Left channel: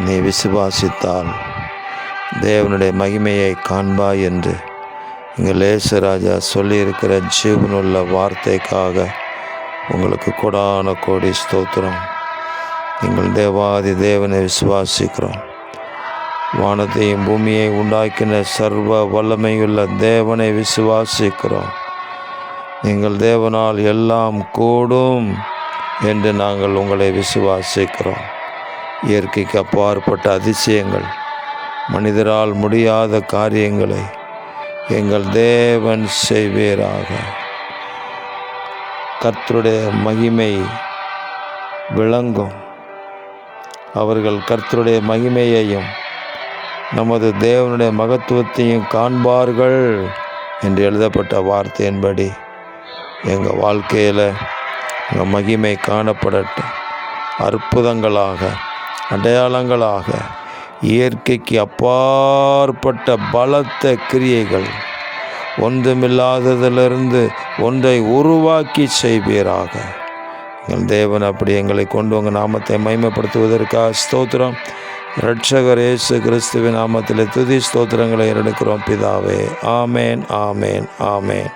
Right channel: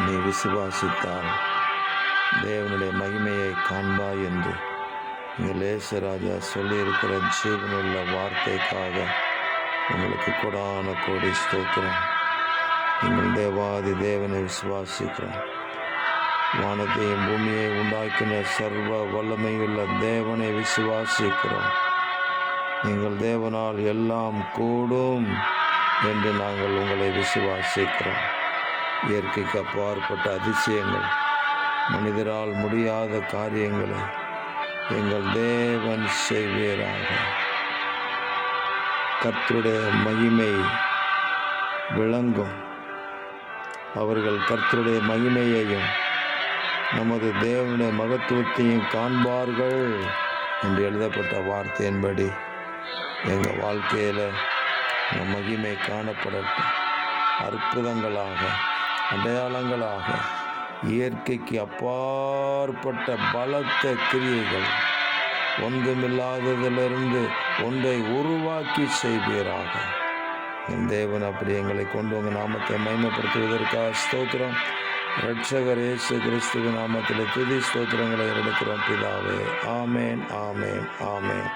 நீ விசுவாசித்தால் தேவனுடைய மகிமையை காண்பாய் என்று எங்கள் இயேசுராஜா சொல்லியிருக்கிற ஜீவனுள்ள வார்த்தைக்காக உங்களுக்கு கொடான கோடி ஸ்தோத்திரம். எங்கள் தேவாதி தேவனை விசுவாசிக்கிறோம். வானத்தையும் பூமியை உண்டாக்கின சர்வ வல்லமையுள்ள தேவனை விசுவாசிக்கிறோம். எங்கள் தேவனால் எல்லாம் கூடும் என்று நாங்கள் உங்களை விசுவாசிக்கிறோம். இயற்கைக்கு அப்பாற்பட்ட அதிசயங்கள், மனிதரால் முடியாத காரியங்களை எங்கள் தேவன் செய்வீராக. கர்த்தருடைய மகிமை விளங்கும். அவர்கள் கர்த்தருடைய மகிமையையும் நமது தேவனுடைய மகத்துவத்தையும் காண்பார்கள் என்று எழுதப்பட்ட வார்த்தையின்படி எங்கள் வாழ்க்கையில் எங்கள் மகிமை காணப்படட்டும். அற்புதங்களாக, அடையாளங்களாக, இயற்கைக்கு அப்பாற்பட்ட பலத்த கிரியைகள், ஒன்றுமில்லாததிலிருந்து ஒன்றை உருவாக்கி செய்வீராக. எங்கள் தேவன் அப்படி எங்களை கொண்டு உங்கள் நாமத்தை மகிமைப்படுத்துவதற்காக ஸ்தோத்திரம். இரட்சகர் இயேசு கிறிஸ்துவின் நாமத்தில் துதி ஸ்தோத்திரங்களை எடுக்கிறோம் பிதாவே. ஆமேன், ஆமேன், ஆமேன்.